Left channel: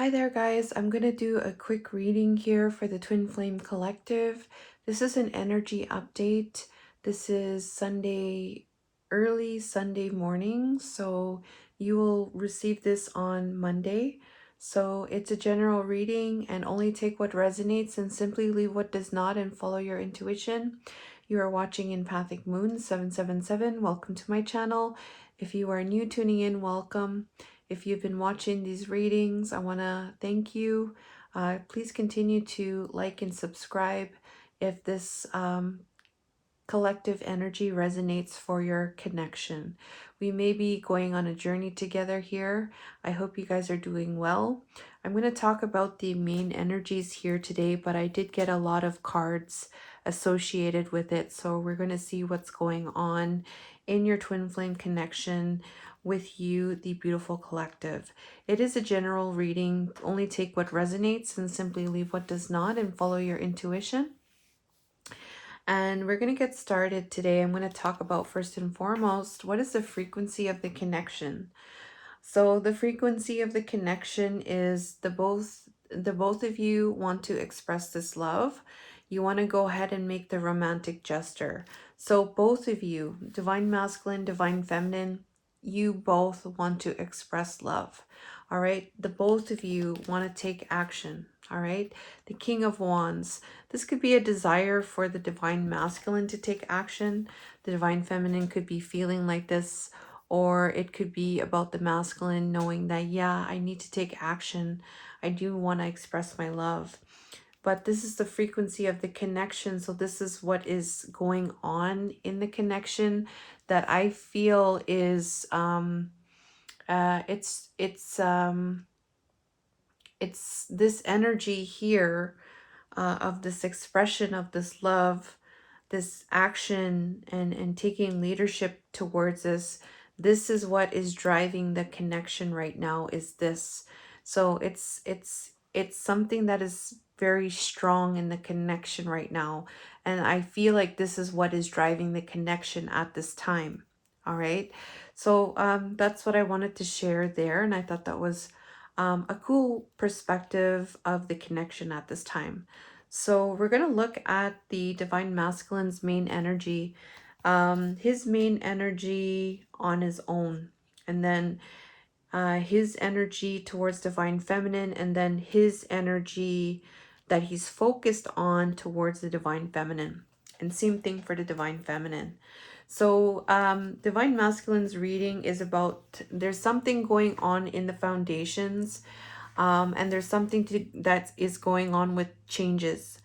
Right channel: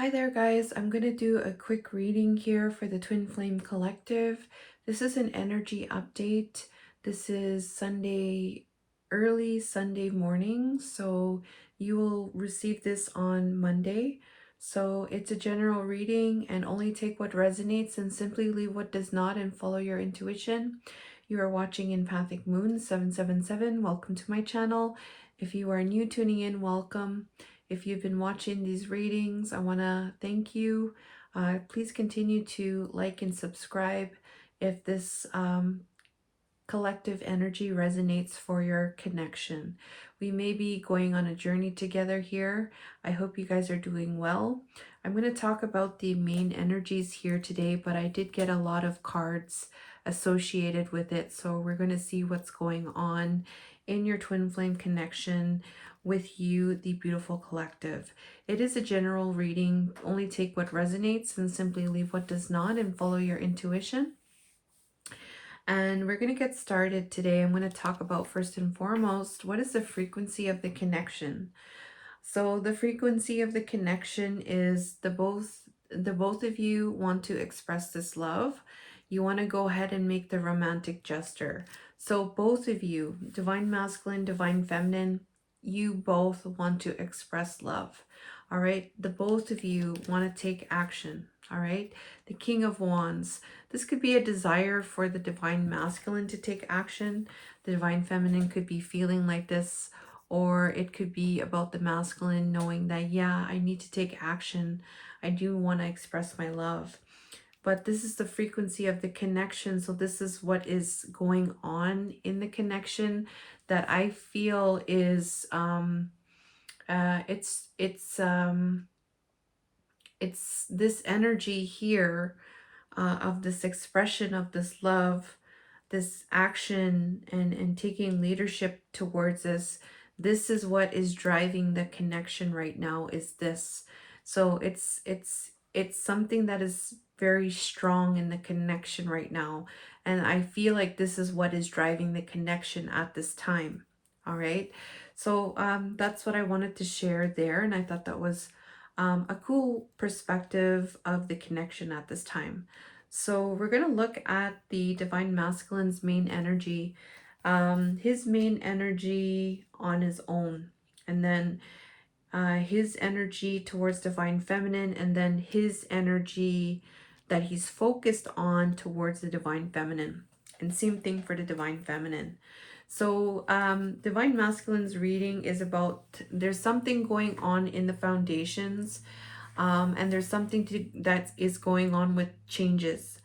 Hi there, guys. I'm going to do a quick reading here for the Twin Flame Collective. This is an energy update. This is early Sunday morning, so you will receive this on Monday. So it's a general reading and only take what resonates and simply leave what does not and follow your intuition. You are watching Empathic Moon 777. Welcome to my channel. If you are new tuning in, welcome. If you've been watching these readings, I want to thank you. Please continue to like and subscribe if this collective energy resonates for your connection. We may be going on a journey together here. I hope you guys are doing well. I'm going to talk about the main energies here today, but I did get a lot of cards associated with it. So we're going to see what's going on in your twin flame connection with you, the beautiful collective. It is a general reading. Only take what resonates and simply leave what does not and follow your intuition. And we're going to get started today. I'm going to talk about first and foremost, what is the frequency of the connection? So the frequency of the connection is the both of you want to express this love. You want to go ahead and make the romantic gesture. So both of you, divine masculine, divine feminine, you both want to express love. All right. The both of you want to take action. All right. The King of Wands. This could be a desire for the divine masculine to take action. The divine feminine could be feeling like this, or it could be about the masculine knowing that, yeah, I need to take action. I do want to express my love. But this is the frequency of the connection. So this is what is going on in the connection that I feel is it's this energy here of this expression of this love, this action, and taking leadership towards this. This is what is driving the connection right now, is this. So it's something that is very strong in the connection right now, and I feel like this is what is driving the connection at this time. All right, so that's what I wanted to share there, and I thought that was a cool perspective of the connection at this time. So we're going to look at the divine masculine's main energy, his main energy on his own, and then his energy towards divine feminine, and then his energy that he's focused on towards the divine feminine. And same thing for the divine feminine. So divine masculine's reading is about, there's something going on in the foundations, and there's something that is going on with changes.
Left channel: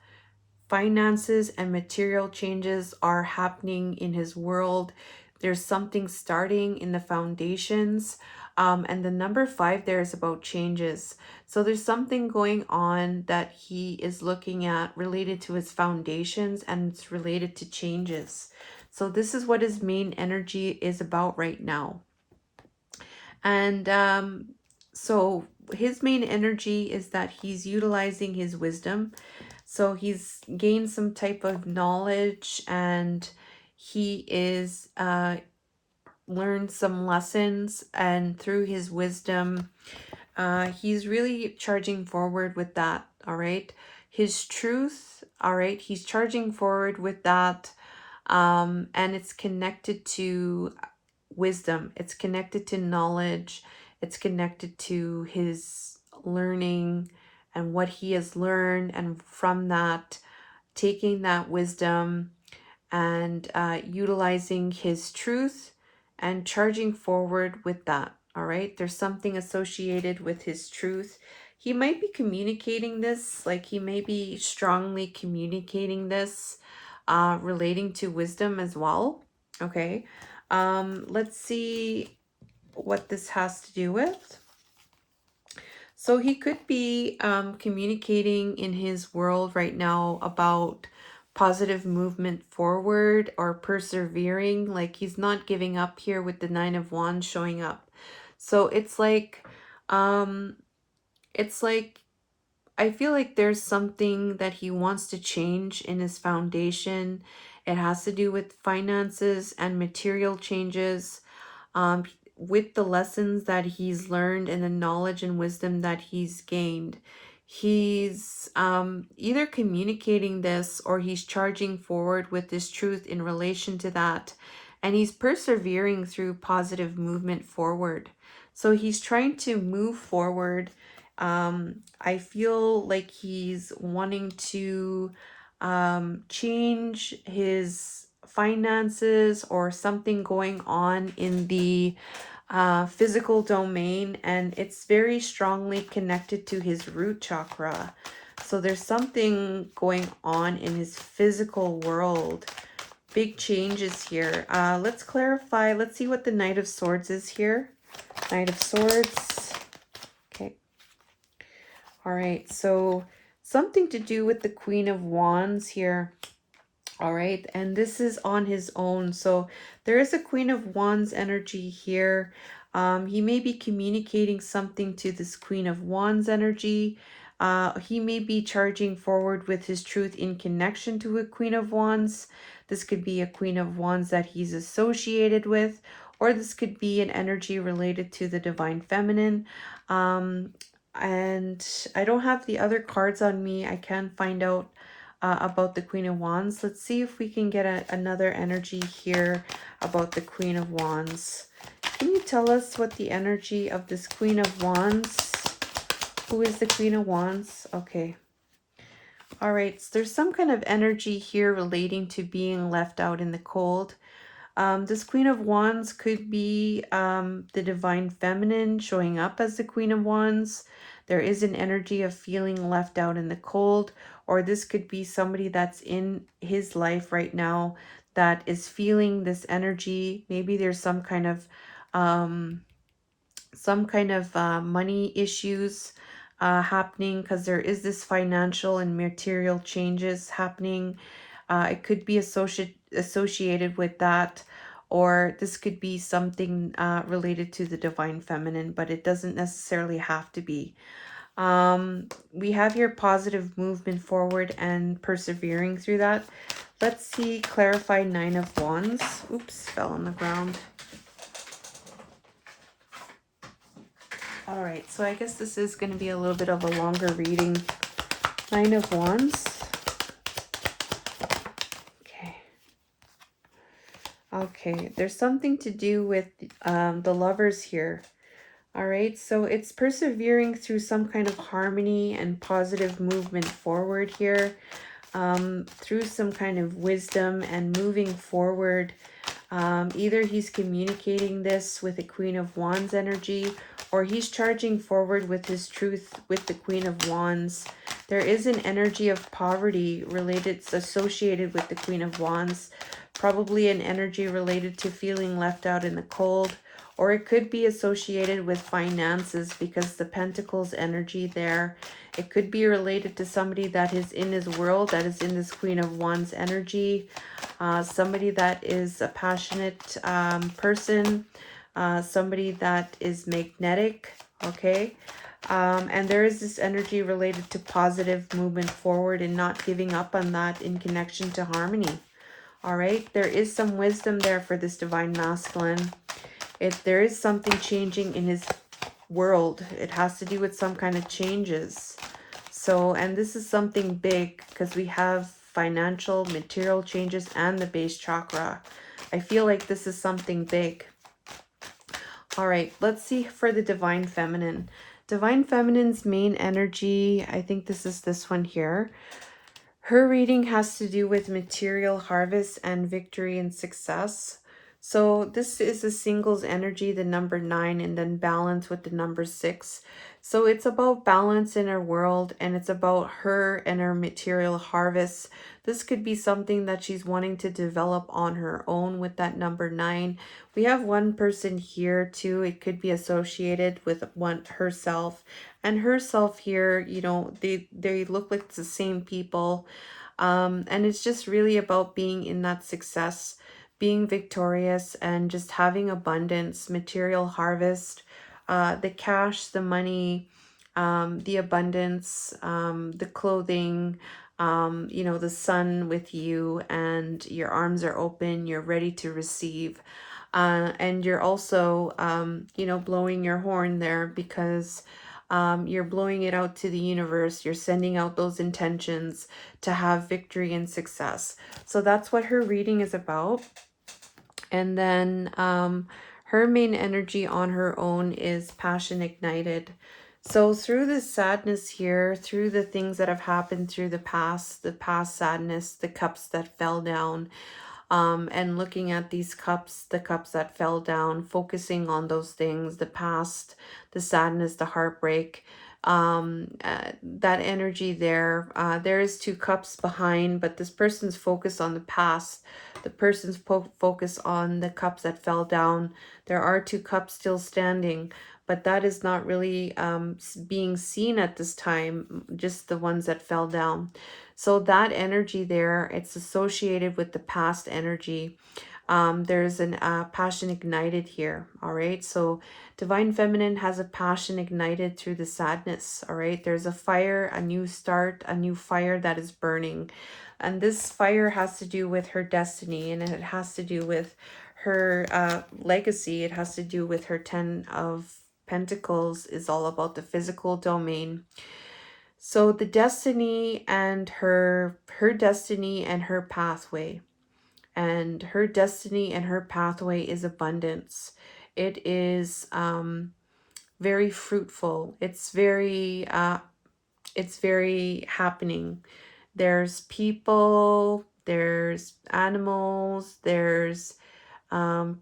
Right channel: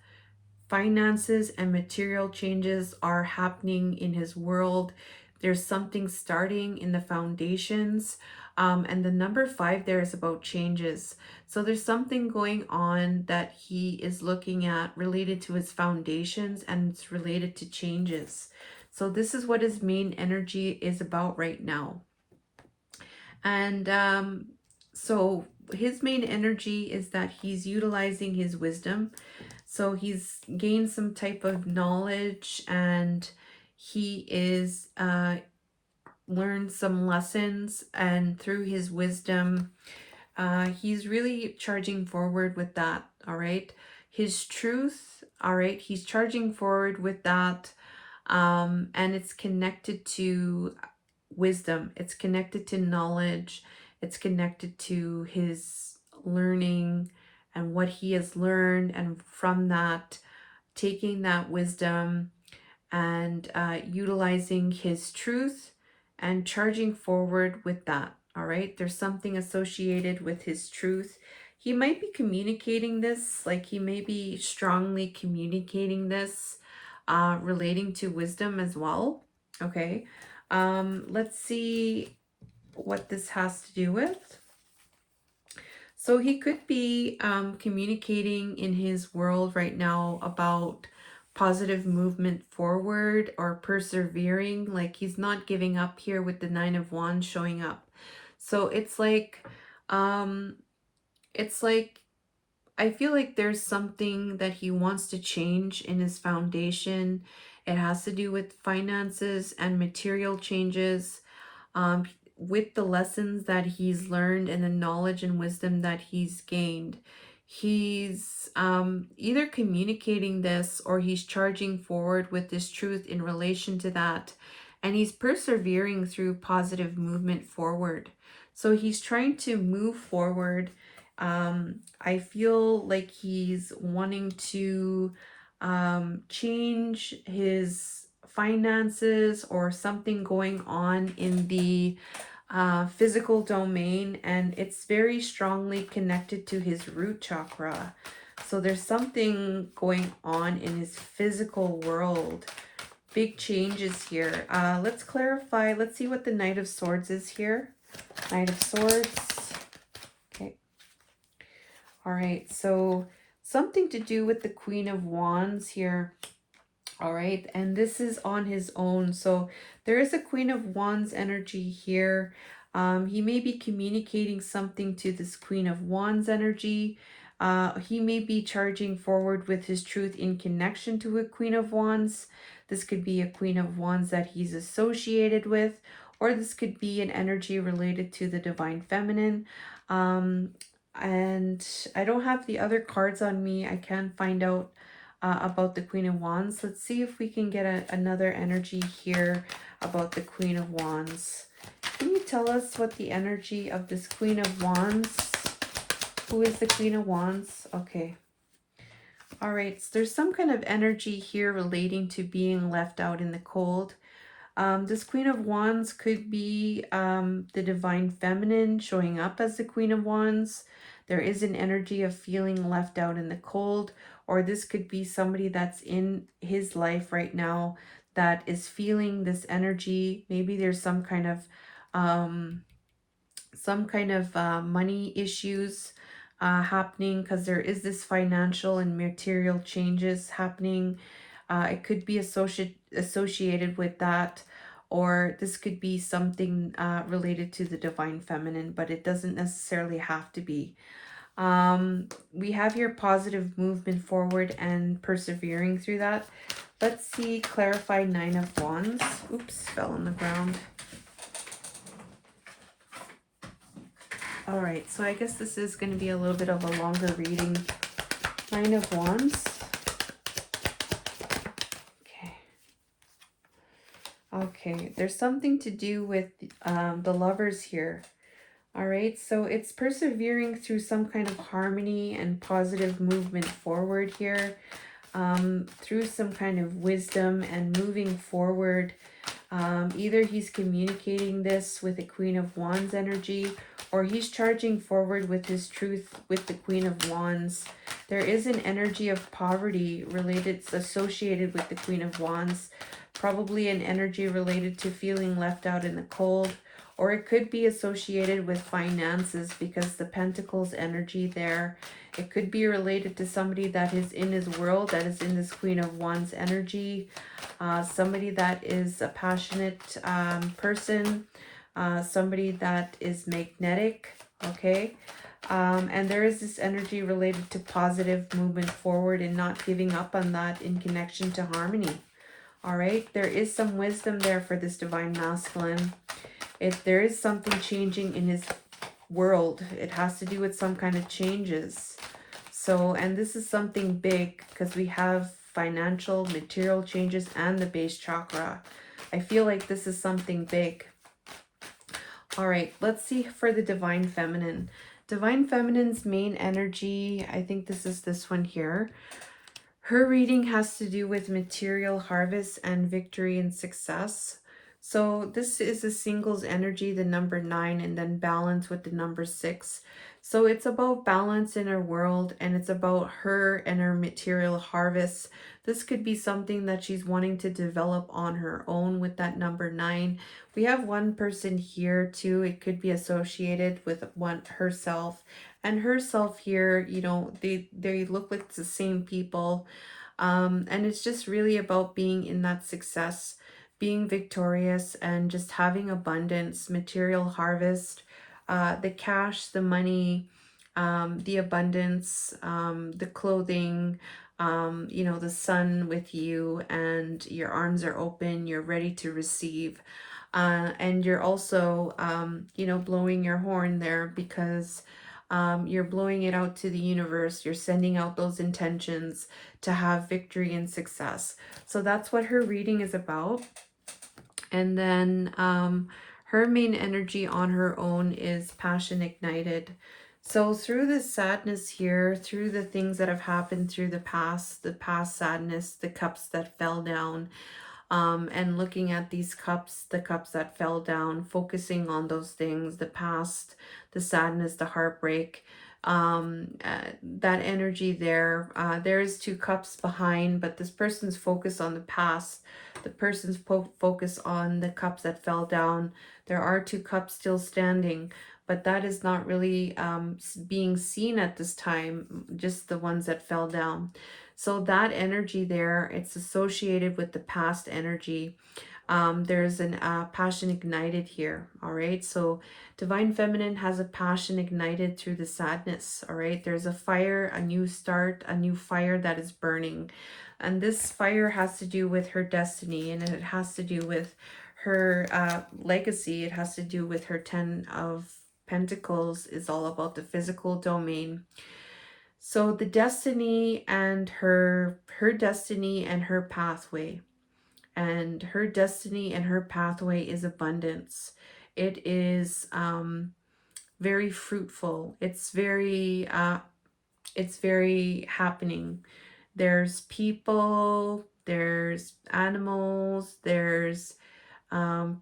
Finances and material changes are happening in his world. There's something starting in the foundations. And the number 5 there is about changes. So there's something going on that he is looking at related to his foundations, and it's related to changes. So this is what his main energy is about right now. And so his main energy is that he's utilizing his wisdom. So he's gained some type of knowledge, and he is learned some lessons, and through his wisdom, he's really charging forward with that. All right, his truth. All right, he's charging forward with that, and it's connected to wisdom. It's connected to knowledge. It's connected to his learning and what he has learned, and from that, taking that wisdom and utilizing his truth and charging forward with that. All right, there's something associated with his truth. He might be communicating this, like he may be strongly communicating this, relating to wisdom as well. Okay, let's see what this has to do with. So he could be communicating in his world right now about positive movement forward or persevering, like he's not giving up here with the 9 of Wands showing up. So um it's like I feel like there's something that he wants to change in his foundation. It has to do with finances and material changes. with the lessons that he's learned and the knowledge and wisdom that he's gained, he's either communicating this or he's charging forward with this truth in relation to that. And he's persevering through positive movement forward. So he's trying to move forward. I feel like he's wanting to change his finances or something going on in the physical domain, and it's very strongly connected to his root chakra. So there's something going on in his physical world. Big changes here. Let's clarify. Let's see what the Knight of Swords is here. Knight of Swords. Okay. All right. So something to do with the Queen of Wands here. All right, and this is on his own. So there is a Queen of Wands energy here. He may be communicating something to this Queen of Wands energy. He may be charging forward with his truth in connection to a Queen of Wands. This could be a Queen of Wands that he's associated with, or this could be an energy related to the Divine Feminine. And I don't have the other cards on me. I can find out about the Queen of Wands. Let's see if we can get another energy here about the Queen of Wands. Can you tell us what the energy of this Queen of Wands? Who is the Queen of Wands? Okay. All right. So there's some kind of energy here relating to being left out in the cold. This Queen of Wands could be the Divine Feminine showing up as the Queen of Wands. There is an energy of feeling left out in the cold, or this could be somebody that's in his life right now that is feeling this energy. Maybe there's some kind of money issues happening, because there is this financial and material changes happening. It could be associated with that, or this could be something related to the Divine Feminine, but it doesn't necessarily have to be. We have your positive movement forward and persevering through that. Let's see, clarify Nine of Wands. Oops, fell on the ground. All right, so I guess this is going to be a little bit of a longer reading. Nine of Wands. Okay, there's something to do with the lovers here. All right, so it's persevering through some kind of harmony and positive movement forward here, through some kind of wisdom and moving forward. Either he's communicating this with the Queen of Wands energy, or he's charging forward with his truth with the Queen of Wands. There is an energy of poverty related, associated with the Queen of Wands, probably an energy related to feeling left out in the cold, or it could be associated with finances because the Pentacles energy there. It could be related to somebody that is in his world, that is in this Queen of Wands energy, somebody that is a passionate person, somebody that is magnetic, okay? And there is this energy related to positive movement forward and not giving up on that in connection to harmony. All right, there is some wisdom there for this Divine Masculine. If there is something changing in his world, it has to do with some kind of changes. So, and this is something big because we have financial, material changes and the base chakra. I feel like this is something big. All right, let's see for the Divine Feminine. Divine Feminine's main energy, I think this is this one here. Her reading has to do with material harvest and victory and success. So this is a singles energy, the number 9, and then balance with the number 6. So it's about balance in her world, and it's about her and her material harvest. This could be something that she's wanting to develop on her own with that number 9. We have one person here too. It could be associated with herself. And herself here, you know, they look like the same people. And it's just really about being in that success, being victorious, and just having abundance, material harvest, the cash, the money, the abundance, the clothing, you know, the sun with you, and your arms are open, you're ready to receive. And you're also, blowing your horn there because you're blowing it out to the universe. You're sending out those intentions to have victory and success. So that's what her reading is about. And then her main energy on her own is passion ignited. So through the sadness here, through the things that have happened through the past sadness, the cups that fell down, and looking at these cups, the cups that fell down, focusing on those things, the past, the sadness, the heartbreak, that energy there. There is two cups behind, but this person's focus on the past, the person's focus on the cups that fell down. There are two cups still standing, but that is not really being seen at this time, just the ones that fell down. So that energy there, it's associated with the past energy. There's an passion ignited here. All right. So divine feminine has a passion ignited through the sadness. All right. There's a fire, a new start, a new fire that is burning. And this fire has to do with her destiny, and it has to do with her legacy. It has to do with her 10 of Pentacles is all about the physical domain. So the destiny and her destiny and her pathway. And her destiny and her pathway is abundance. It is very fruitful. It's very happening. There's people, there's animals, there's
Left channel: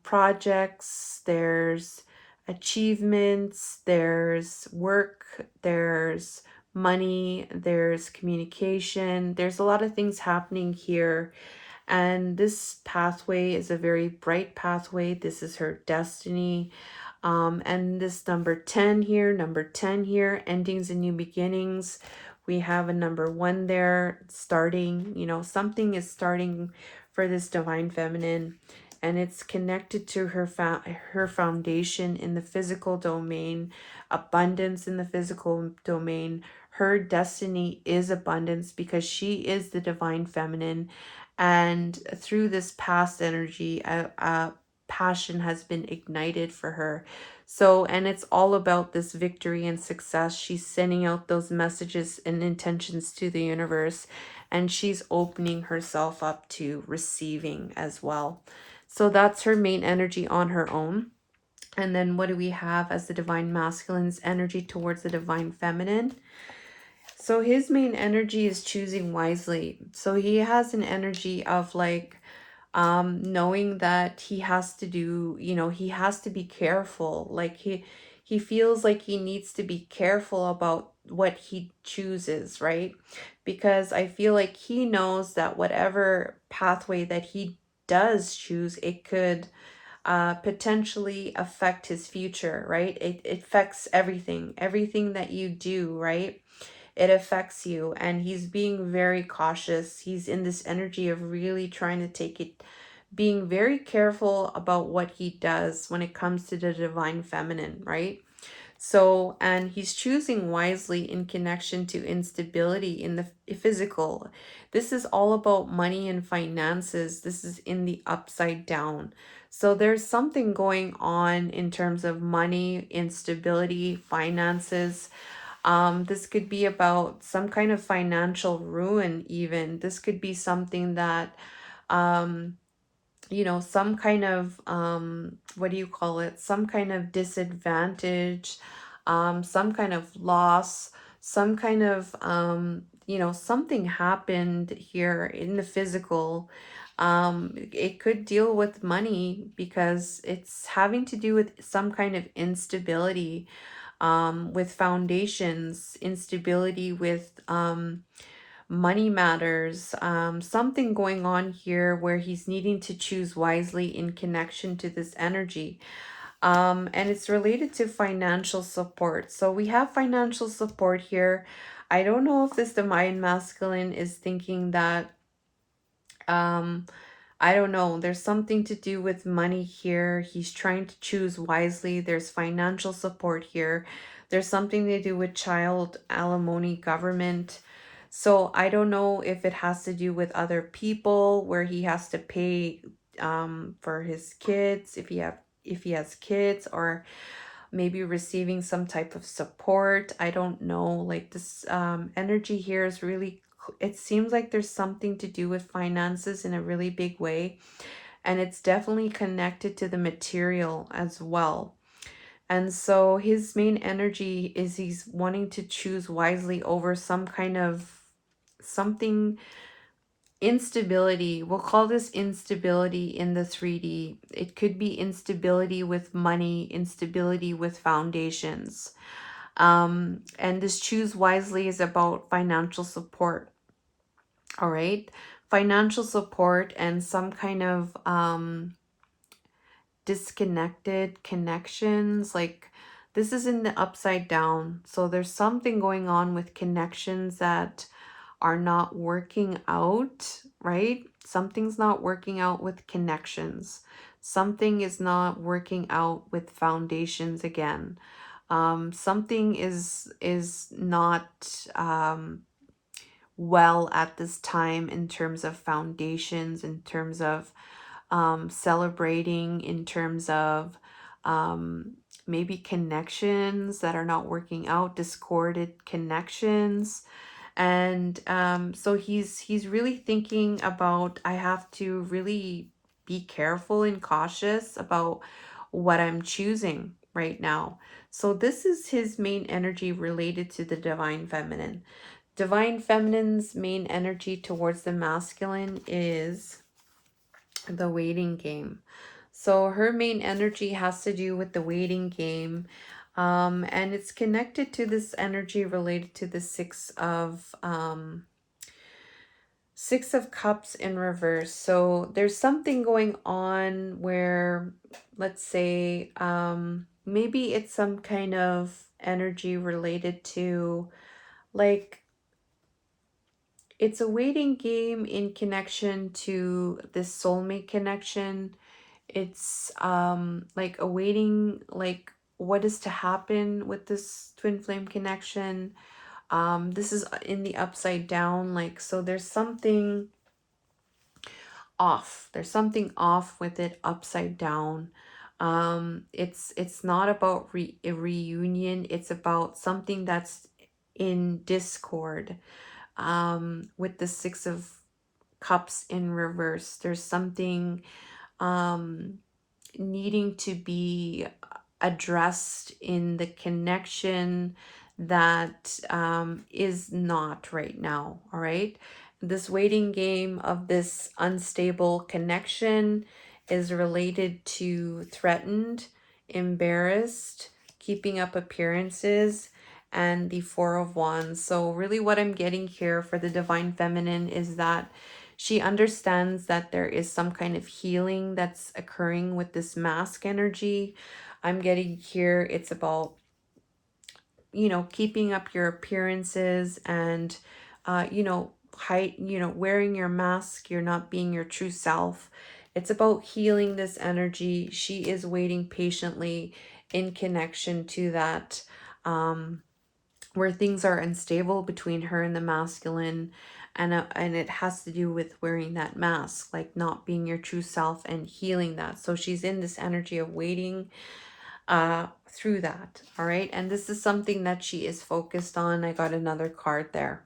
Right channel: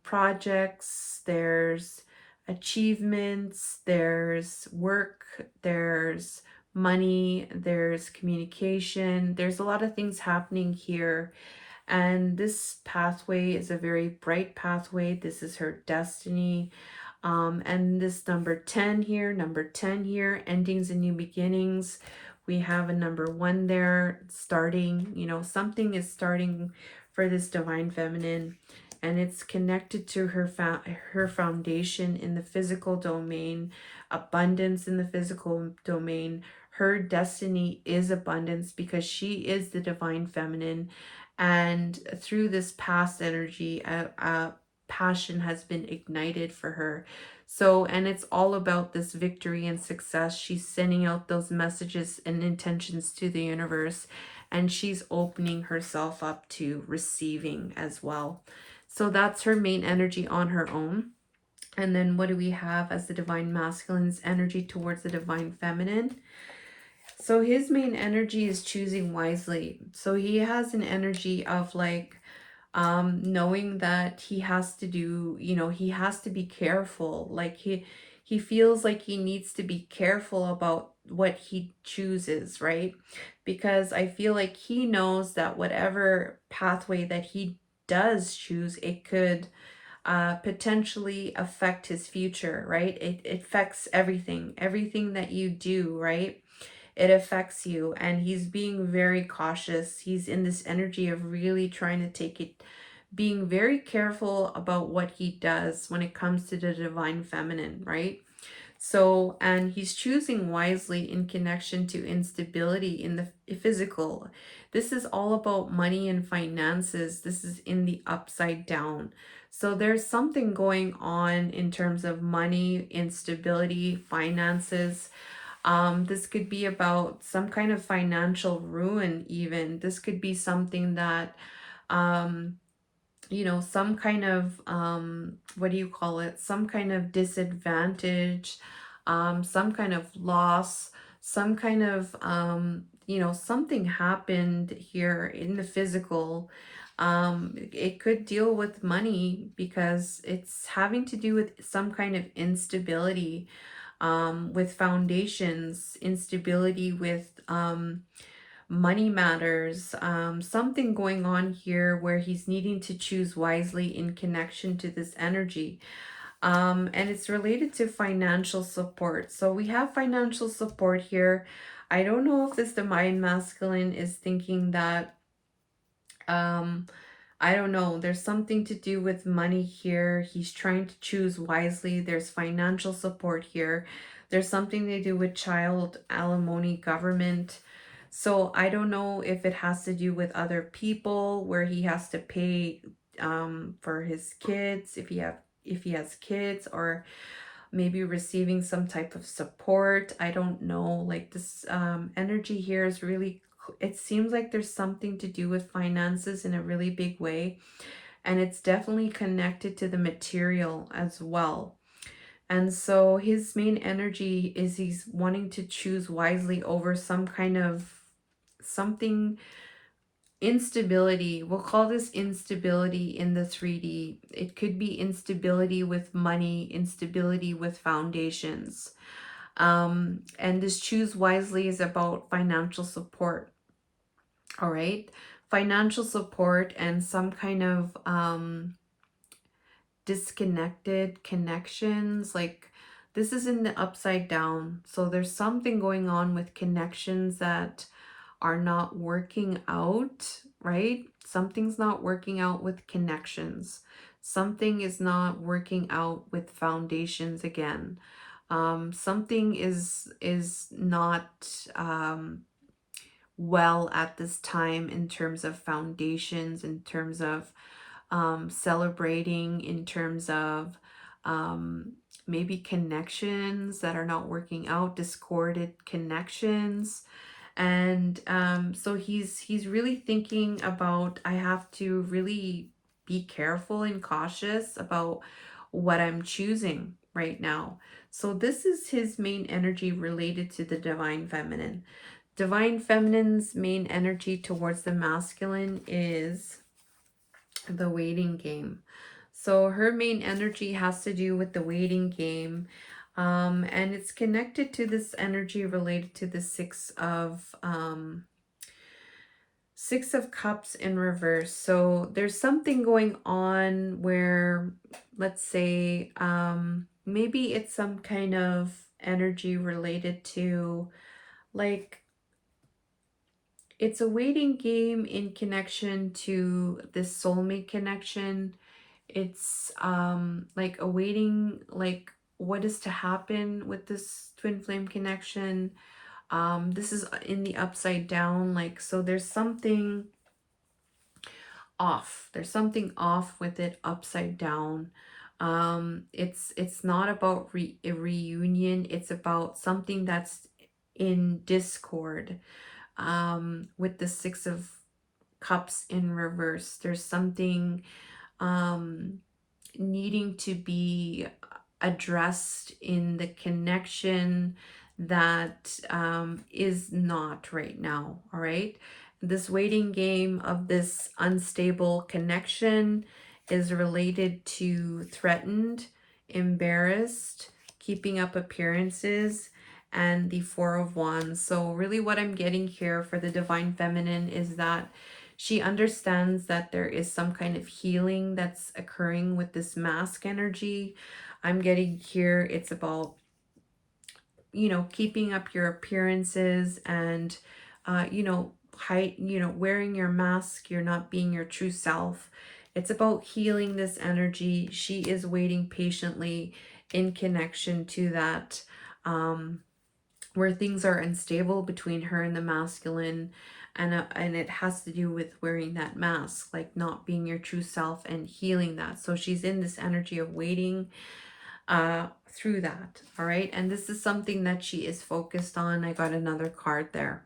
projects, there's achievements, there's work, there's money, there's communication. There's a lot of things happening here. And this pathway is a very bright pathway. This is her destiny. And this number 10 here, endings and new beginnings. We have a number 1 there, starting, something is starting for this divine feminine, and it's connected to her foundation in the physical domain, abundance in the physical domain. Her destiny is abundance because she is the divine feminine, and through this past energy, a passion has been ignited for her. So, and it's all about this victory and success. She's sending out those messages and intentions to the universe, and she's opening herself up to receiving as well. So that's her main energy on her own. And then what do we have as the divine masculine's energy towards the divine feminine? So his main energy is choosing wisely. So he has an energy of like knowing that he has to do, he has to be careful. Like he feels like he needs to be careful about what he chooses, right? Because I feel like he knows that whatever pathway that he does choose, it could potentially affect his future, right? It affects everything that you do, right? It affects you, and he's being very cautious. He's in this energy of really trying to take it, being very careful about what he does when it comes to the divine feminine, right? So, and he's choosing wisely in connection to instability in the physical. This is all about money and finances. This is in the upside down. So there's something going on in terms of money, instability, finances. This could be about some kind of financial ruin, even. This could be something that, um, some kind of, what do you call it? Some kind of disadvantage, some kind of loss, some kind of, something happened here in the physical. It could deal with money because it's having to do with some kind of instability, with foundations, instability with money matters, something going on here where he's needing to choose wisely in connection to this energy. And it's related to financial support. So we have financial support here. I don't know if this divine masculine is thinking that um I don't know. There's something to do with money here. He's trying to choose wisely. There's financial support here. There's something to do with child alimony government. So I don't know if it has to do with other people where he has to pay for his kids, if he has kids, or maybe receiving some type of support. I don't know. Like this energy here is really, it seems like there's something to do with finances in a really big way. And it's definitely connected to the material as well. And so his main energy is he's wanting to choose wisely over some kind of something, instability. We'll call this instability in the 3D. It could be instability with money, instability with foundations. And this choose wisely is about financial support. All right. Financial support and some kind of disconnected connections. Like this is in the upside down. So there's something going on with connections that are not working out, right? Something's not working out with connections. Something is not working out with foundations again. Something is not well at this time in terms of foundations, in terms of celebrating, in terms of maybe connections that are not working out, discorded connections. And so he's really thinking about, I have to really be careful and cautious about what I'm choosing right now. So this is his main energy related to the divine feminine. Divine feminine's main energy towards the masculine is the waiting game. So her main energy has to do with the waiting game. And it's connected to this energy related to the Six of Cups in reverse. So there's something going on where, let's say, maybe it's some kind of energy related to, like, it's a waiting game in connection to this soulmate connection. It's like awaiting, like, what is to happen with this twin flame connection. This is in the upside down, like, so there's something off. There's something off with it upside down. It's not about a reunion. It's about something that's in discord. With the Six of Cups in reverse, there's something um needing to be addressed in the connection that is not right now. All right. This waiting game of this unstable connection is related to threatened, embarrassed, keeping up appearances, and the Four of Wands. So, really, what I'm getting here for the Divine Feminine is that she understands that there is some kind of healing that's occurring with this mask energy. I'm getting here, it's about, keeping up your appearances and, wearing your mask. You're not being your true self. It's about healing this energy. She is waiting patiently in connection to that. Where things are unstable between her and the masculine, and it has to do with wearing that mask, like not being your true self and healing that. So she's in this energy of waiting through that. All right, and this is something that she is focused on. I got another card there.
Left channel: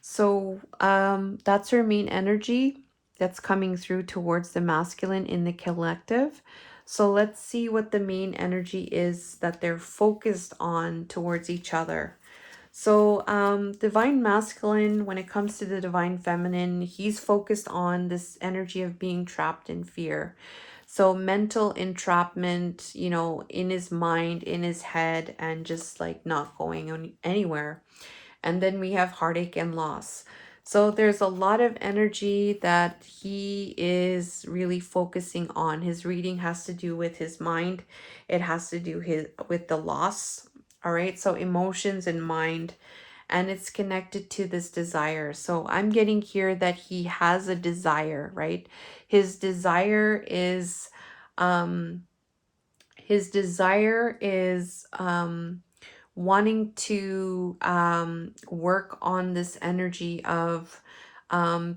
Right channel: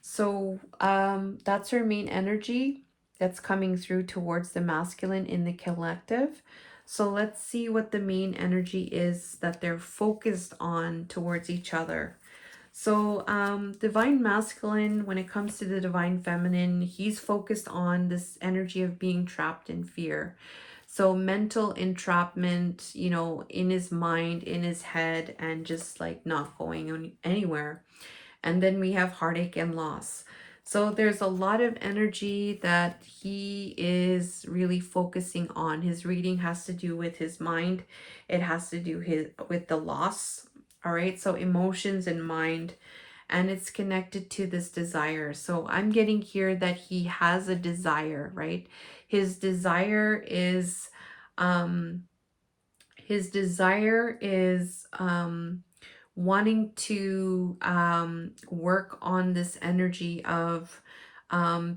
So that's her main energy that's coming through towards the masculine in the collective. So let's see what the main energy is that they're focused on towards each other. So divine masculine, when it comes to the divine feminine, he's focused on this energy of being trapped in fear. So mental entrapment, in his mind, in his head, and just like not going anywhere. And then we have heartache and loss. So there's a lot of energy that he is really focusing on. His reading has to do with his mind. It has to do with the loss. All right. So emotions and mind, and it's connected to this desire. So I'm getting here that he has a desire, right? His desire is um his desire is wanting to work on this energy of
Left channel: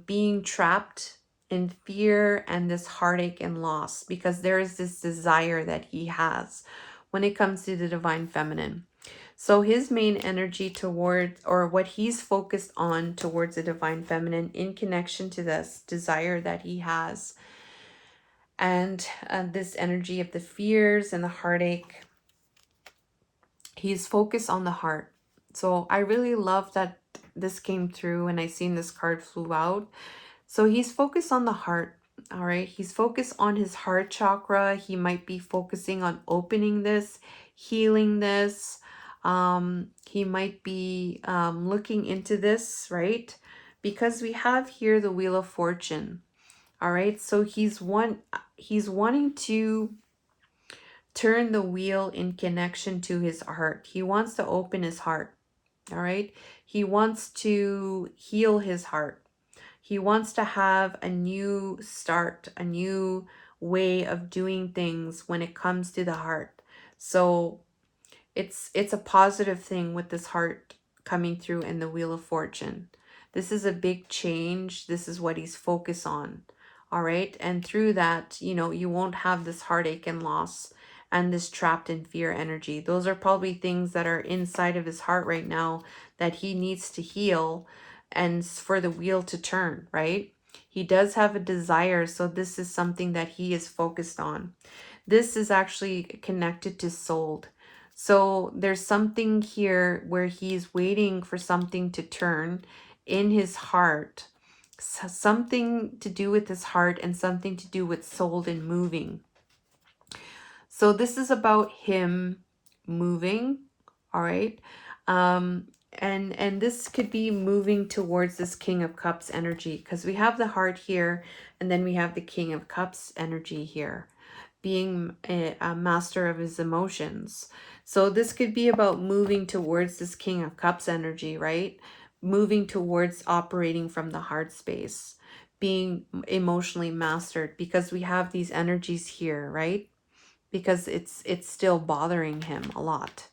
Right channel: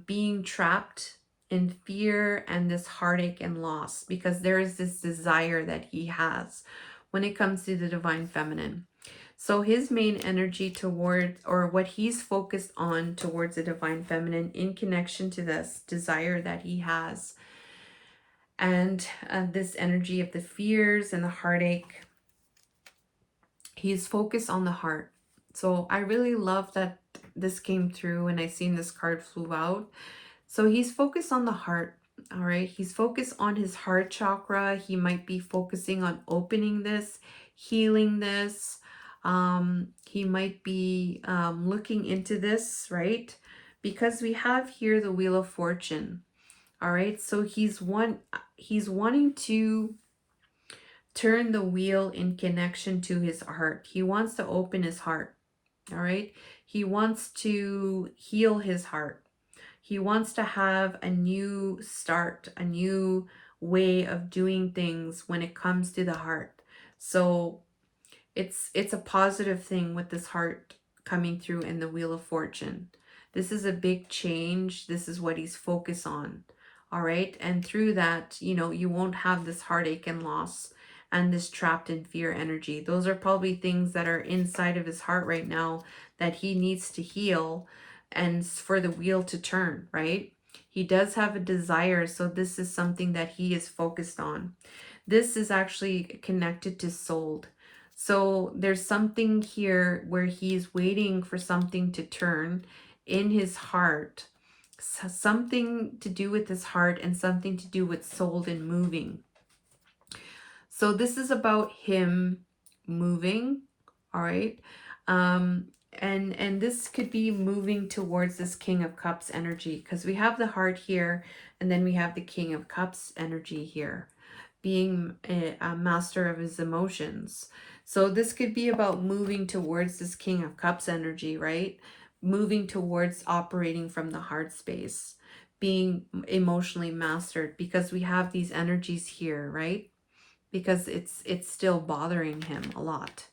being trapped in fear and this heartache and loss, because there is this desire that he has when it comes to the divine feminine. So his main energy towards, or what he's focused on towards the divine feminine in connection to this desire that he has, and this energy of the fears and the heartache, he's focused on the heart. So I really love that this came through and I seen this card flew out. So he's focused on the heart. All right. He's focused on his heart chakra. He might be focusing on opening this, healing this. He might be looking into this, right? Because we have here the Wheel of Fortune. All right. So he's wanting to turn the wheel in connection to his heart. He wants to open his heart. All right. He wants to heal his heart. He wants to have a new start, a new way of doing things when it comes to the heart. So it's a positive thing with this heart coming through in the Wheel of Fortune. This is a big change. This is what he's focused on. All right. And through that, you won't have this heartache and loss and this trapped in fear energy. Those are probably things that are inside of his heart right now that he needs to heal and for the wheel to turn, right? He does have a desire. So this is something that he is focused on. This is actually connected to soul. So there's something here where he's waiting for something to turn in his heart, something to do with his heart and something to do with soul and moving. So this is about him moving, all right? And this could be moving towards this King of Cups energy, because we have the heart here and then we have the King of Cups energy here, being a master of his emotions. So this could be about moving towards this King of Cups energy, right? Moving towards operating from the heart space, being emotionally mastered, because we have these energies here, right? Because it's still bothering him a lot.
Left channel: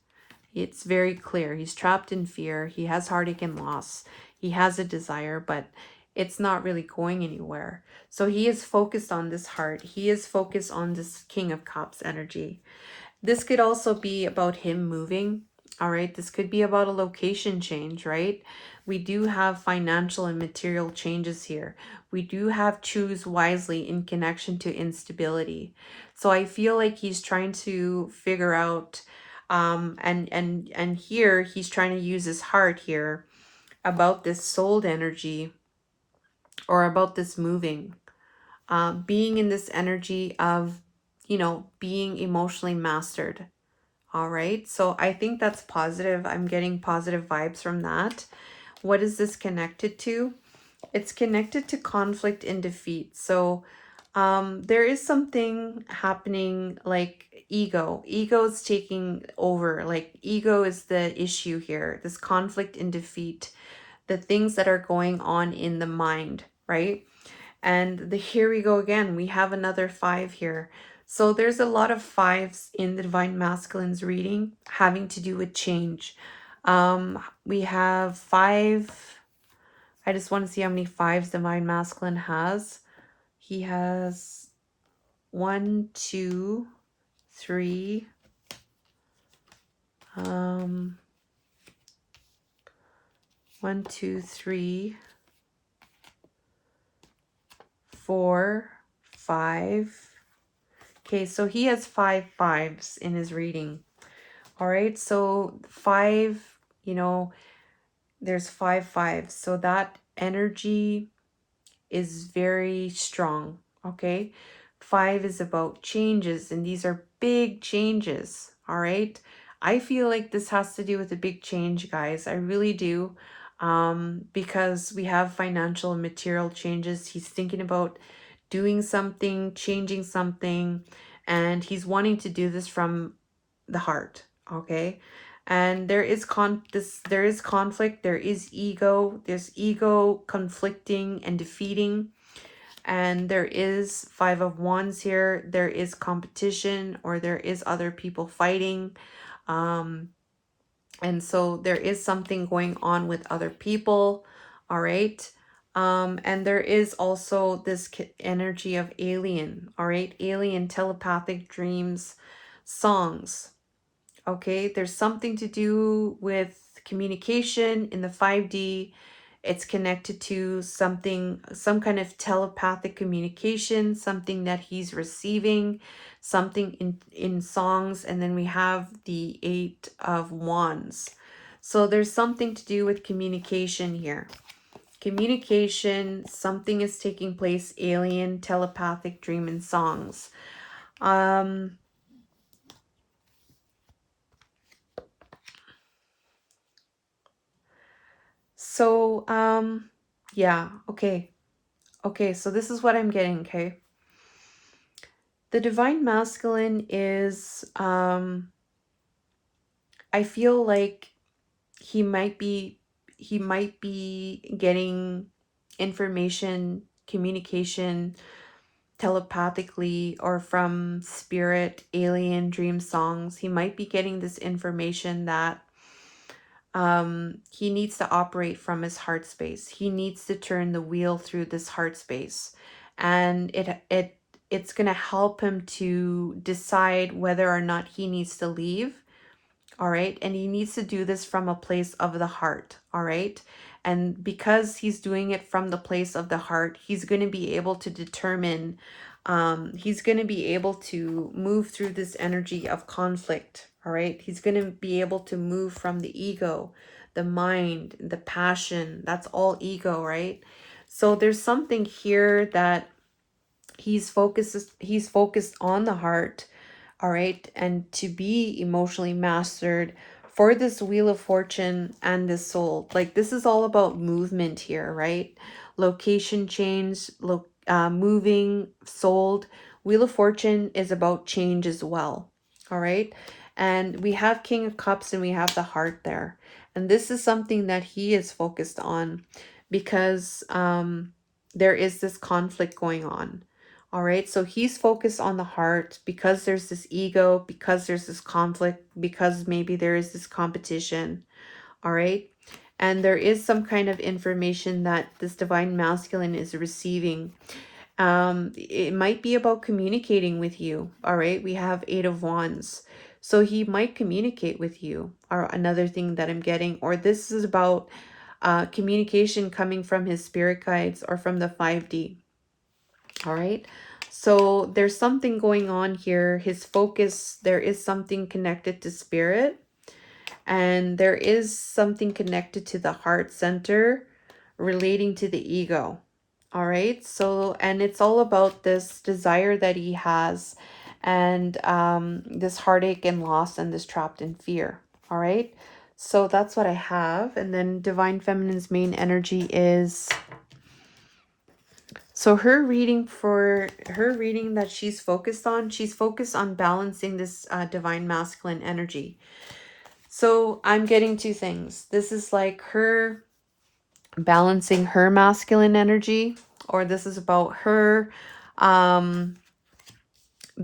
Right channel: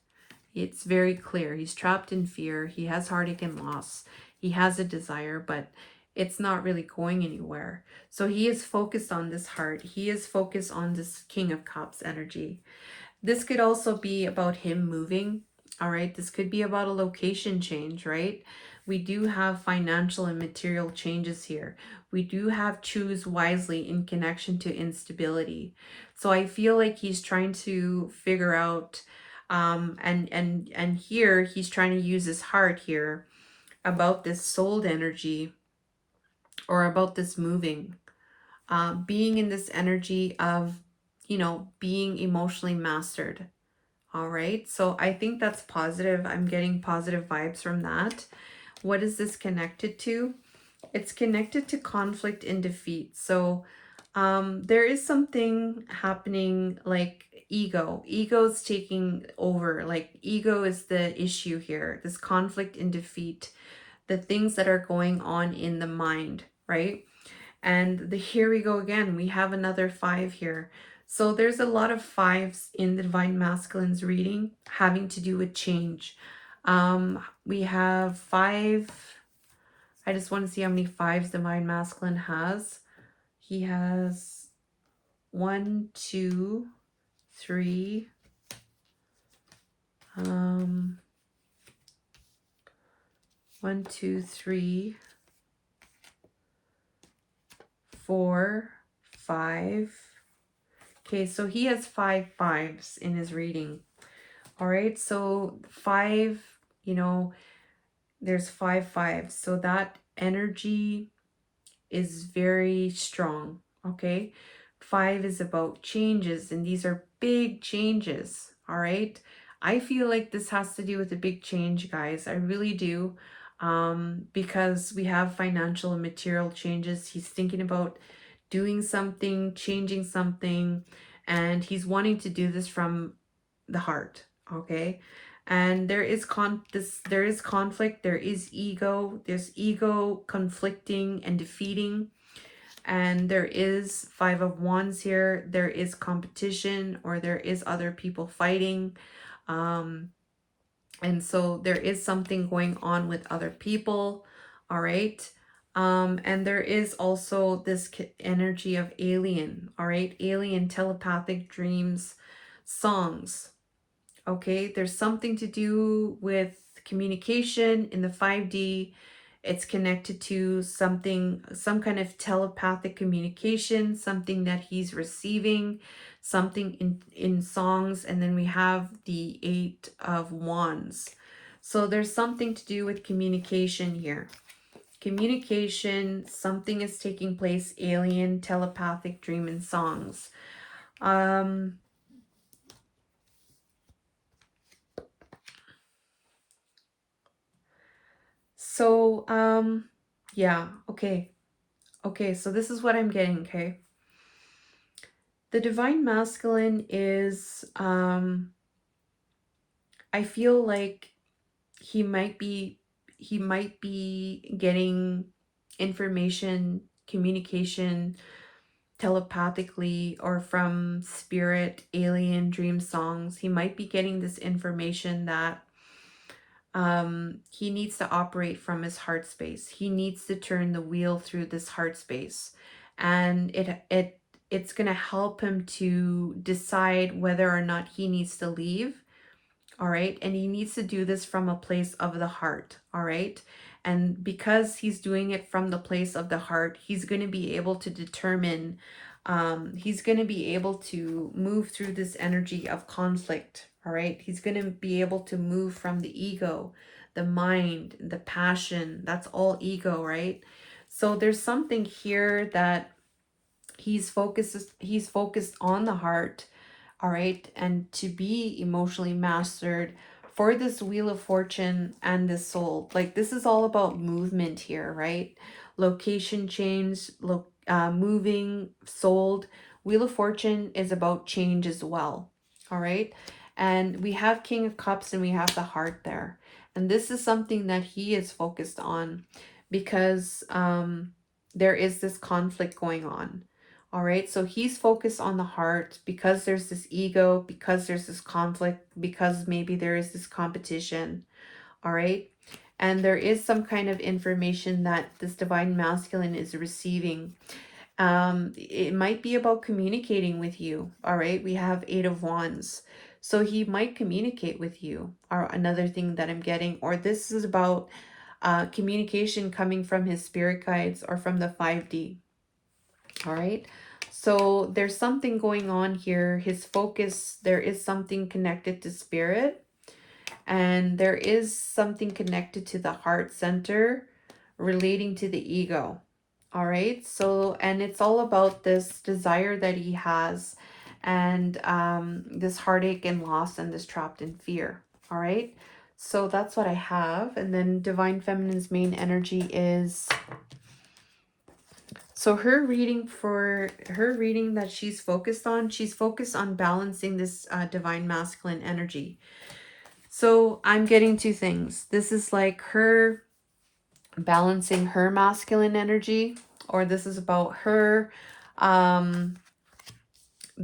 It's very clear. He's trapped in fear. He has heartache and loss. He has a desire, but it's not really going anywhere. So he is focused on this heart. He is focused on this King of Cups energy. This could also be about him moving. All right. This could be about a location change, right? We do have financial and material changes here. We do have choose wisely in connection to instability. So I feel like he's trying to figure out, and here he's trying to use his heart here about this soul energy, or about this moving, being in this energy of, being emotionally mastered. All right. So I think that's positive. I'm getting positive vibes from that. What is this connected to? It's connected to conflict and defeat. So there is something happening, like ego is taking over, like ego is the issue here, this conflict and defeat, the things that are going on in the mind, right? And here we go again, we have another 5 here. So there's a lot of 5s in the divine masculine's reading having to do with change. We have 5. I just want to see how many 5s divine masculine has. He has 1, 2, 3, 1, 2, 3, 4, 5. Okay, so he has 5 5s in his reading. All right, so 5, there's 5 5s. So that energy is very strong. Okay, 5 is about changes, and these are big changes. All right, I feel like this has to do with a big change, guys. I really do. Because we have financial and material changes. He's thinking about doing something, changing something, and he's wanting to do this from the heart. Okay, and there is conflict, there is ego, there's ego conflicting and defeating, and there is 5 of Wands here. There is competition, or there is other people fighting, and so there is something going on with other people. All right, And there is also this energy of alien, all right? Alien, telepathic dreams, songs. Okay, there's something to do with communication in the 5D. It's connected to something, some kind of telepathic communication, something that he's receiving, something in songs. And then we have the Eight of Wands. So there's something to do with communication here. Communication, something is taking place, alien, telepathic dream and songs. Um, so, yeah, okay. Okay, so this is what I'm getting, okay? The divine masculine is, I feel like he might be, he might be getting information, communication telepathically or from spirit, alien, dream songs. He might be getting this information that he needs to operate from his heart space. He needs to turn the wheel through this heart space, and it's going to help him to decide whether or not he needs to leave. All right, and he needs to do this from a place of the heart. All right, and because he's doing it from the place of the heart, he's going to be able to determine, he's going to be able to move through this energy of conflict. All right, he's going to be able to move from the ego, the mind, the passion. That's all ego, right? So there's something here that he's focused on the heart, all right, and to be emotionally mastered for this wheel of fortune and this soul. Like, this is all about movement here, right? Location change, moving, sold. Wheel of fortune is about change as well, all right? And we have King of Cups and we have the heart there, and this is something that he is focused on because there is this conflict going on. All right, so he's focused on the heart because there's this ego, because there's this conflict, because maybe there is this competition. All right, and there is some kind of information that this divine masculine is receiving. It might be about communicating with you. All right, we have Eight of Wands. So he might communicate with you, or another thing that I'm getting, or this is about communication coming from his spirit guides or from the 5D. All right. So there's something going on here. His focus, there is something connected to spirit, and there is something connected to the heart center relating to the ego. All right. So, and it's all about this desire that he has, and this heartache and loss and this trapped in fear. All right. So that's what I have. And then Divine Feminine's main energy is, so her reading that she's focused on balancing this divine masculine energy. So I'm getting two things. This is like her balancing her masculine energy, or this is about her um,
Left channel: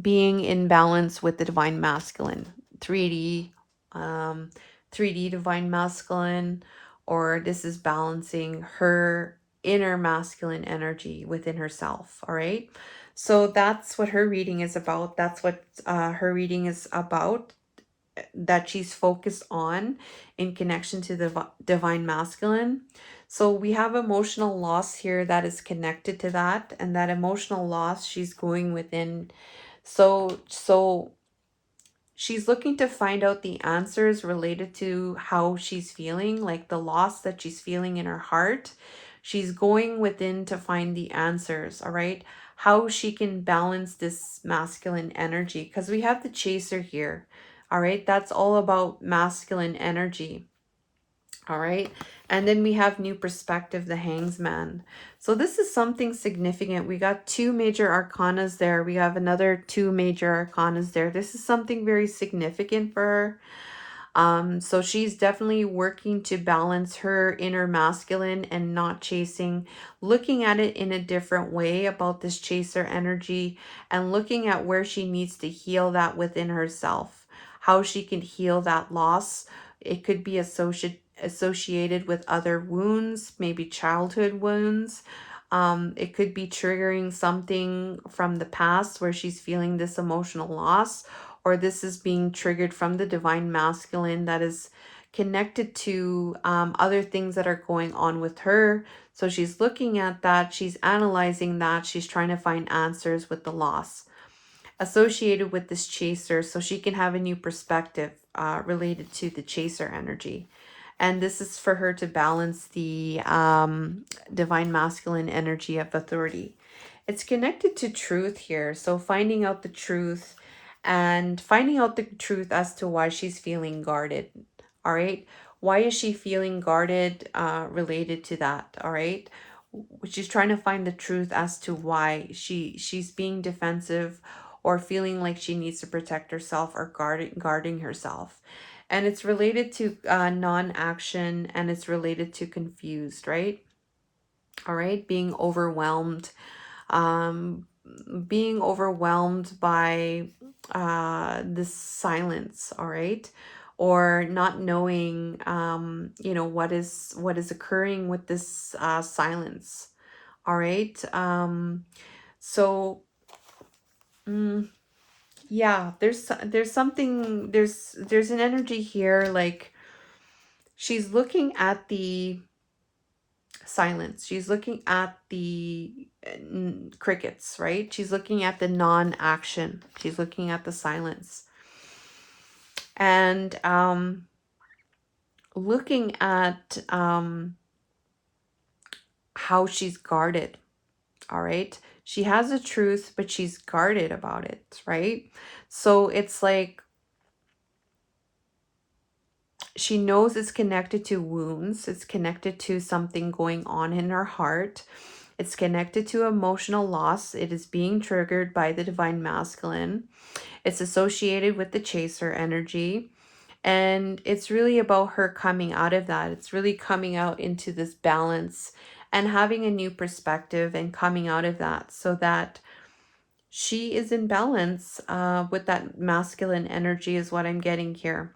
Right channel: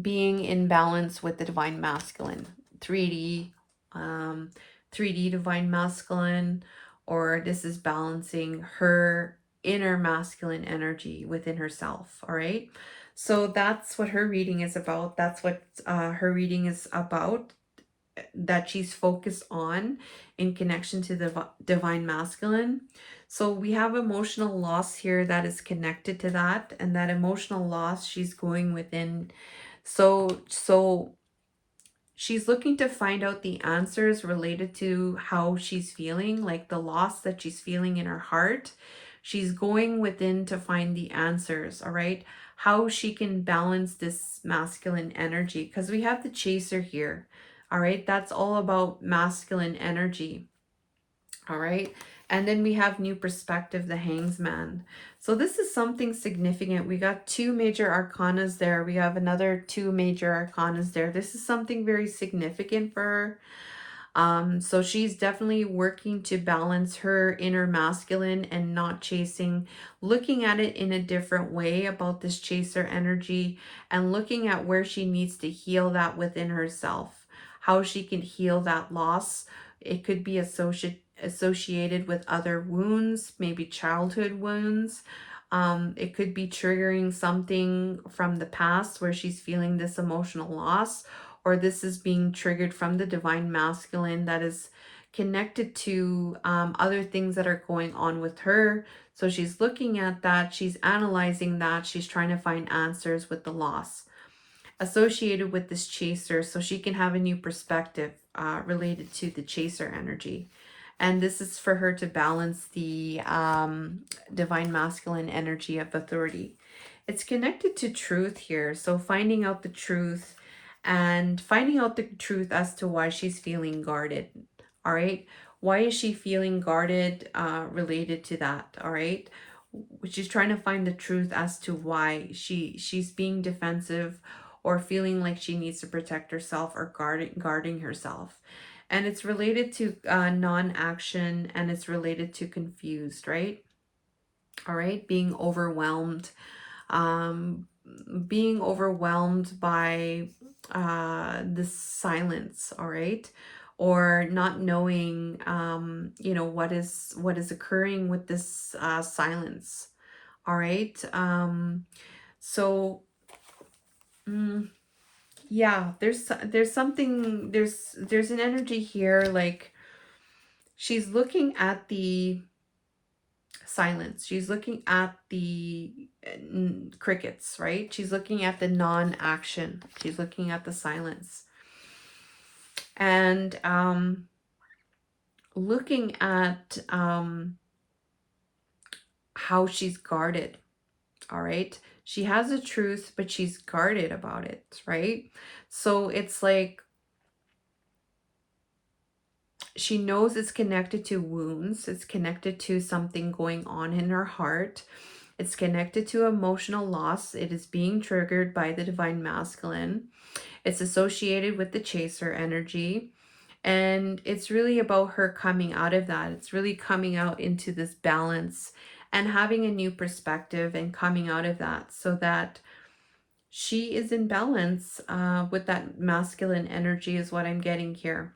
being in balance with the divine masculine, 3D, um, 3D divine masculine, or this is balancing her inner masculine energy within herself. All right. So that's what her reading is about. That's what her reading is about, that she's focused on in connection to the divine masculine. So we have emotional loss here that is connected to that, and that emotional loss she's going within. So she's looking to find out the answers related to how she's feeling, like the loss that she's feeling in her heart. She's going within to find the answers, all right? How she can balance this masculine energy, because we have the chaser here, all right? That's all about masculine energy. All right. And then we have new perspective, the Hangsman. So this is something significant. We got two major arcanas there. We have another two major arcanas there. This is something very significant for her. So she's definitely working to balance her inner masculine and not chasing, looking at it in a different way about this chaser energy, and looking at where she needs to heal that within herself, how she can heal that loss. It could be associated with other wounds, maybe childhood wounds. It could be triggering something from the past where she's feeling this emotional loss, or this is being triggered from the divine masculine that is connected to other things that are going on with her. So she's looking at that, she's analyzing that, she's trying to find answers with the loss associated with this chaser so she can have a new perspective related to the chaser energy. And this is for her to balance the divine masculine energy of authority. It's connected to truth here. So finding out the truth and finding out the truth as to why she's feeling guarded. All right. Why is she feeling guarded related to that? All right. She's trying to find the truth as to why she's being defensive or feeling like she needs to protect herself or guarding herself. And it's related to non-action, and it's related to confused, right? All right, being overwhelmed, um, being overwhelmed by this silence, all right, or not knowing, you know, what is occurring with this silence, all right. So. Mm, yeah, there's something, there's an energy here, like she's looking at the silence, she's looking at the crickets, right? She's looking at the non-action, she's looking at the silence, and looking at how she's guarded, all right? She has a truth, but she's guarded about it, right? So it's like she knows it's connected to wounds, it's connected to something going on in her heart, it's connected to emotional loss, it is being triggered by the divine masculine, it's associated with the chaser energy, and it's really about her coming out of that. It's really coming out into this balance and having a new perspective and coming out of that so that she is in balance with that masculine energy is what I'm getting here.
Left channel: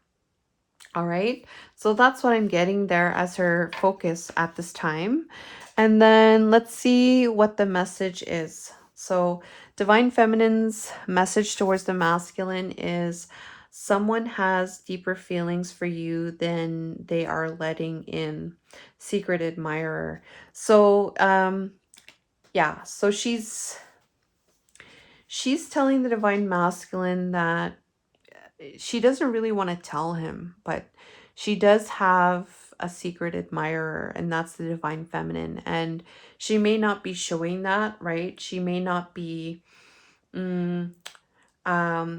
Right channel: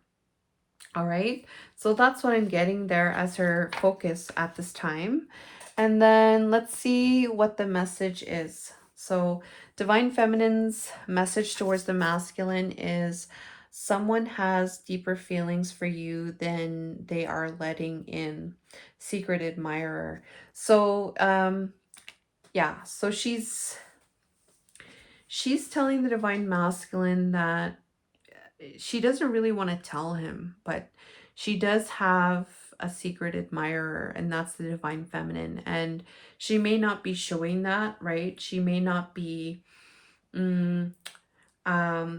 All right, so that's what I'm getting there as her focus at this time. And then let's see what the message is. So divine feminine's message towards the masculine is someone has deeper feelings for you than they are letting in. Secret admirer. So yeah, so she's telling the divine masculine that she doesn't really want to tell him, but she does have a secret admirer, and that's the divine feminine. And she may not be showing that, right? She may not be mm,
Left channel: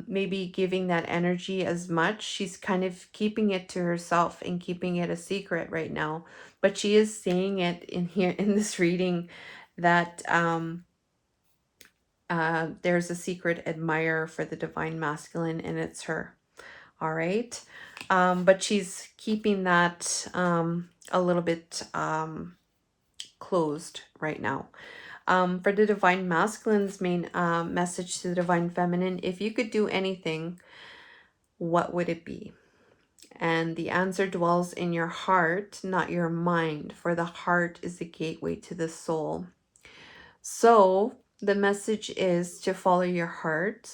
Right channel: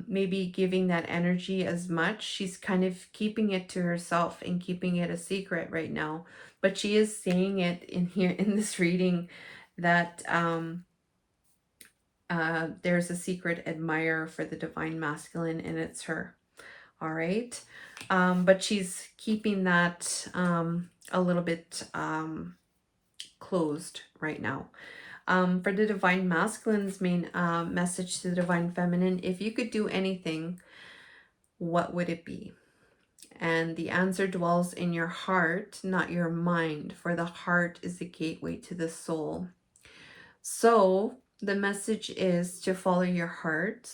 maybe giving that energy as much. She's kind of keeping it to herself and keeping it a secret right now. But she is saying it in here in this reading that there's a secret admirer for the divine masculine, and it's her. All right. But she's keeping that a little bit closed right now. For the divine masculine's main message to the divine feminine, if you could do anything, what would it be? And the answer dwells in your heart, not your mind, for the heart is the gateway to the soul. So the message is to follow your heart,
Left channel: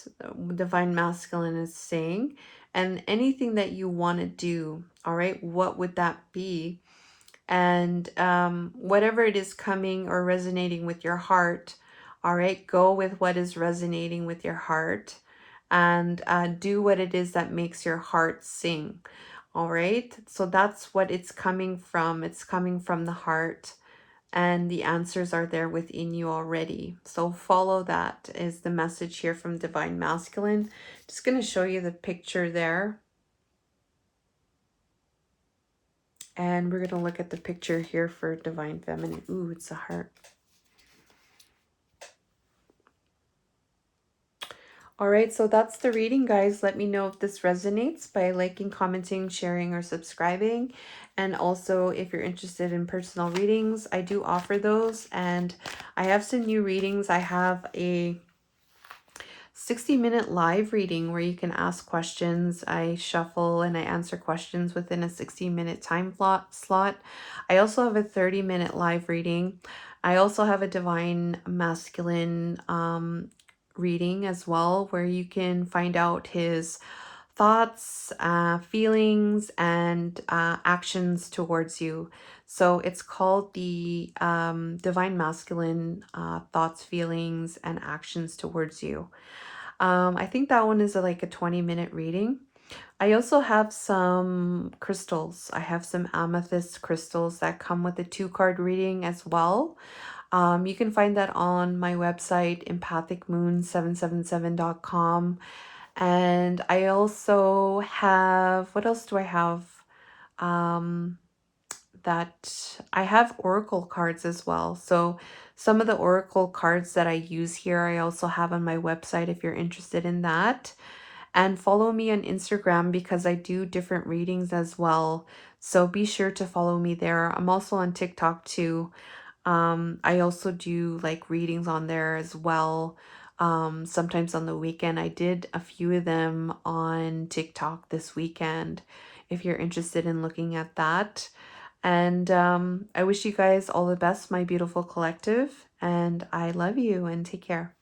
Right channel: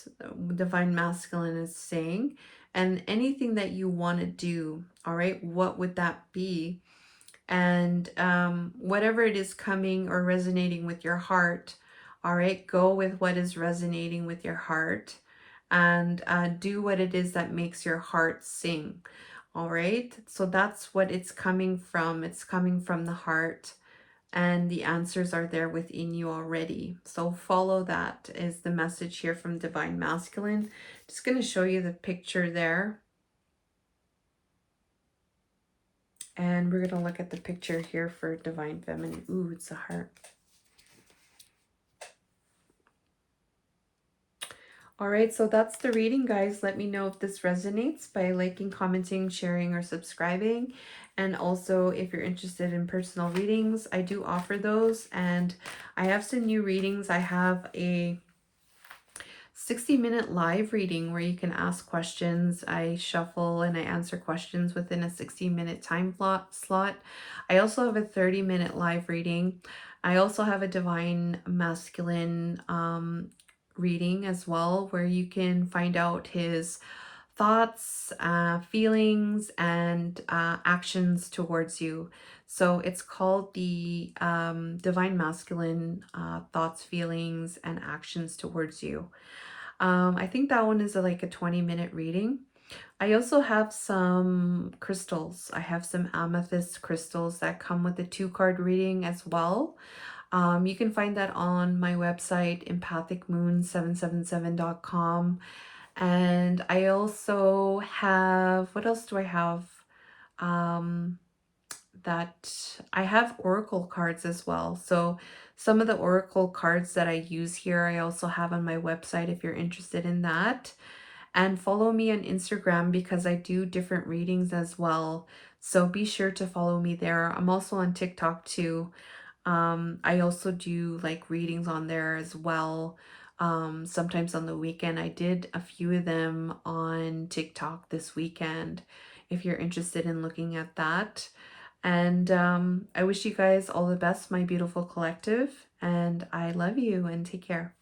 divine masculine is saying, and anything that you want to do, all right, what would that be? And whatever it is coming or resonating with your heart, all right, go with what is resonating with your heart, and do what it is that makes your heart sing. All right, so that's what it's coming from. It's coming from the heart, and the answers are there within you already. So follow that is the message here from divine masculine. Just going to show you the picture there, and we're going to look at the picture here for divine feminine. Ooh, it's a heart. All right, so that's the reading, guys. Let me know if this resonates by liking, commenting, sharing, or subscribing. And also, if you're interested in personal readings, I do offer those. And I have some new readings. I have a 60-minute live reading where you can ask questions. I shuffle and I answer questions within a 60-minute time slot. I also have a 30-minute live reading. I also have a divine masculine reading as well, where you can find out his thoughts, feelings, and actions towards you. So it's called the Divine Masculine Thoughts, Feelings, and Actions Towards You. I think that one is like a 20-minute reading. I also have some crystals. I have some amethyst crystals that come with a 2-card reading as well. You can find that on my website, empathicmoon777.com. And I also have, what else do I have? Um, that I have oracle cards as well. So some of the oracle cards that I use here, I also have on my website if you're interested in that. And follow me on Instagram because I do different readings as well. So be sure to follow me there. I'm also on TikTok too. I also do like readings on there as well. Sometimes on the weekend. I did a few of them on TikTok this weekend if you're interested in looking at that. And I wish you guys all the best, my beautiful collective. And I love you and take care.